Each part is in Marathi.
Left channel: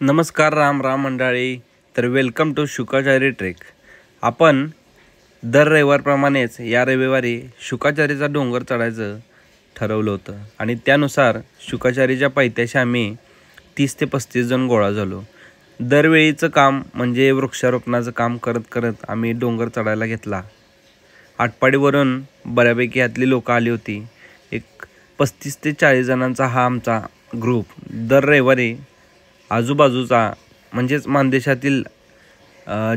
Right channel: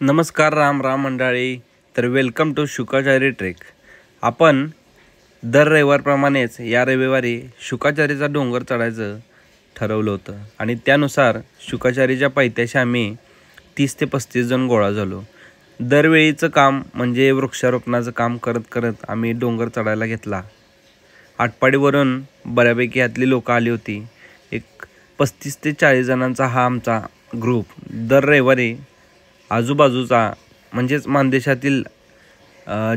नमस्कार राम मंडळी. तर वेलकम टू शुकाचारी ट्रेक. आपण दर रविवारप्रमाणेच या रविवारी शुकाचारीचा डोंगर चढायचं ठरवलं होतं आणि त्यानुसार शुकाचारीच्या पायथ्याशी आम्ही 30 ते 35 जण गोळा झालो. दरवेळीचं काम म्हणजे वृक्षारोपणाचं काम करत करत आम्ही डोंगर चढायला घेतला. आटपाडीवरून बऱ्यापैकी यातली लोकं आली होती. एक 35 ते 40 जणांचा हा आमचा ग्रुप दर रविवारी आजूबाजूचा म्हणजेच मानदेशातील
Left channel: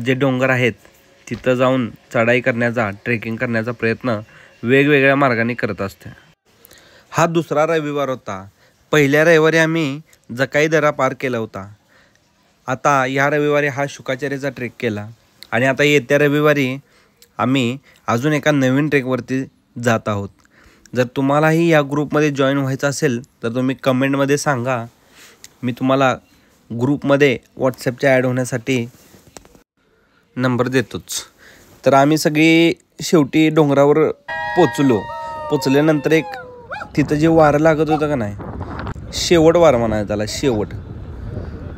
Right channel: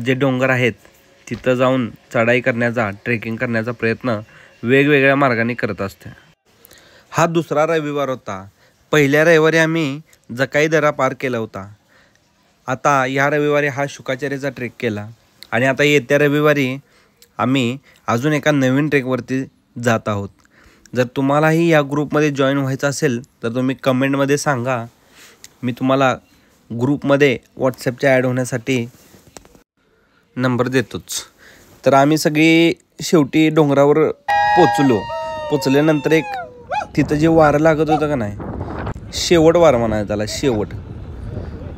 जे डोंगर आहेत तिथं जाऊन चढाई करण्याचा, ट्रेकिंग करण्याचा प्रयत्न वेगवेगळ्या मार्गाने करत असतो. हा दुसरा रविवार होता. पहिल्या रविवारी आम्ही जकाई दरा पार केला होता. आता या रविवारी हा शुकाचारीचा ट्रेक केला आणि आता येत्या रविवारी आम्ही अजून एका नवीन ट्रेकवरती जात आहोत. जर तुम्हालाही या ग्रुपमध्ये जॉईन व्हायचं असेल तर तुम्ही कमेंटमध्ये सांगा. मी तुम्हाला ग्रुपमध्ये व्हॉट्सॲपच्या ॲड होण्यासाठी नंबर देतोच. तर आम्ही सगळी शेवटी डोंगरावर पोचल्यानंतर एक तिथं जे वारं लागत होतं का नाही, शेवट वारं म्हणायचं त्याला, शेवट.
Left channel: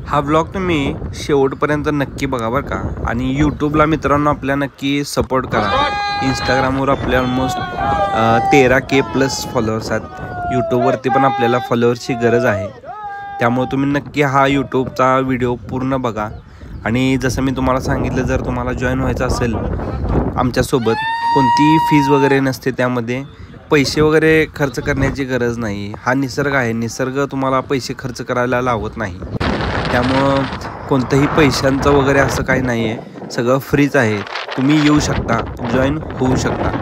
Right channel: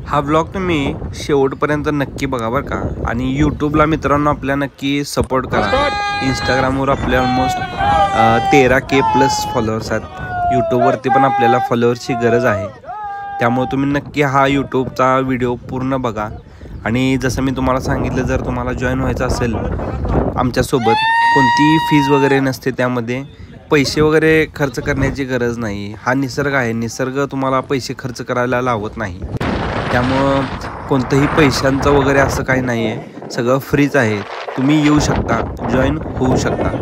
हा ब्लॉग तुम्ही शेवटपर्यंत नक्की बघा बरं का. आणि यूट्यूबला मित्रांनो आपल्या नक्की सपोर्ट करा. इंस्टाग्रामवर आपल्या ऑलमोस्ट 13K+ फॉलोअर्स आहेत. यूट्यूबवरती पण आपल्याला फॉलोअर्सची गरज आहे. त्यामुळे तुम्ही नक्की हा यूट्यूबचा व्हिडिओ पूर्ण बघा. आणि जसं मी तुम्हाला सांगितलं, जर तुम्हाला जॉईन व्हायचं असेल आमच्यासोबत, कोणतीही फीज वगैरे नसते, त्यामध्ये पैसे वगैरे खर्च करण्याची गरज नाही. हा निसर्ग आहे, निसर्ग तुम्हाला पैसे खर्च करायला लावत नाही. त्यामुळं कोणतंही पैशांचं वगैरे असं काही नाही आहे, सगळं फ्रीच आहे. तुम्ही येऊ शकता, जॉईन होऊ शकता.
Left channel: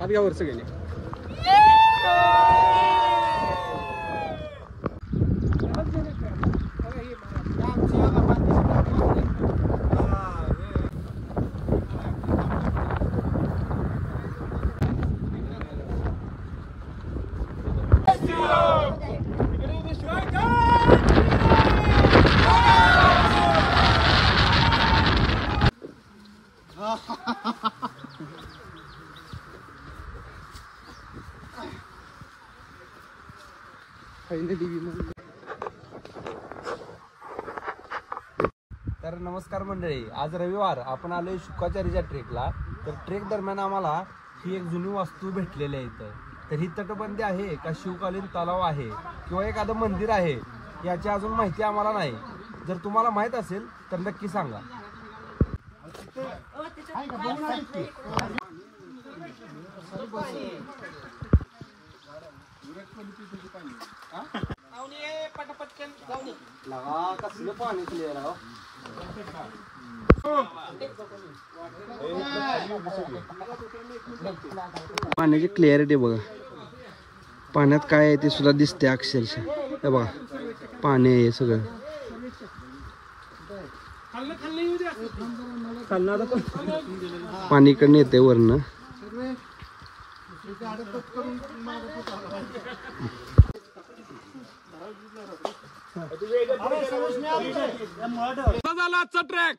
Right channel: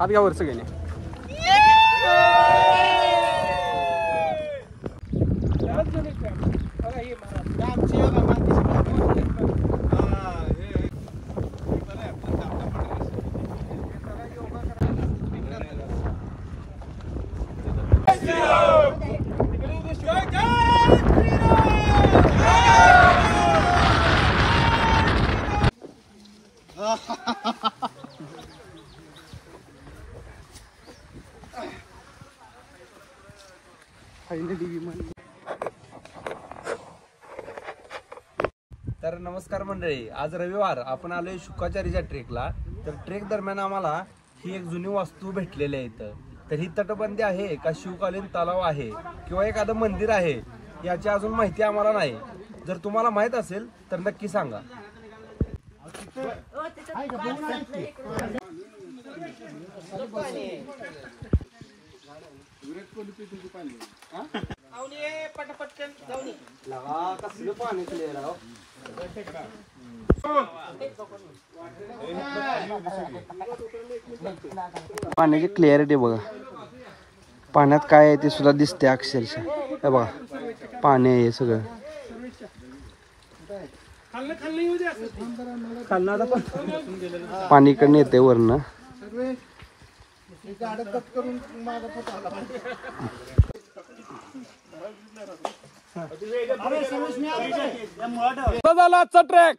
हात घ्या वरचं गेले. तर नमस्कार मंडळी, आज रविवार आपण आलोय शुकाचारीच्या ट्रेकला. तर ट्रेक दरम्यान आम्हाला ही एक जुनी वास्तू भेटलेली आहे इथं. तर ही तटबंदी आहे का शिवकालीन तलाव आहे किंवा एखादं मंदिर आहे याची अजून माहिती आम्हाला नाही. जर तुम्हाला माहित असेल तर नक्की सांगा. पाण्याची क्लिअरिटी बघा. पाण्यात काय आहे ते सुद्धा दिसते अक्षरशः. हे बघा, पाणी आहे सगळं. पाणी इकडनं येते वरनं. झाला ट्रॅक.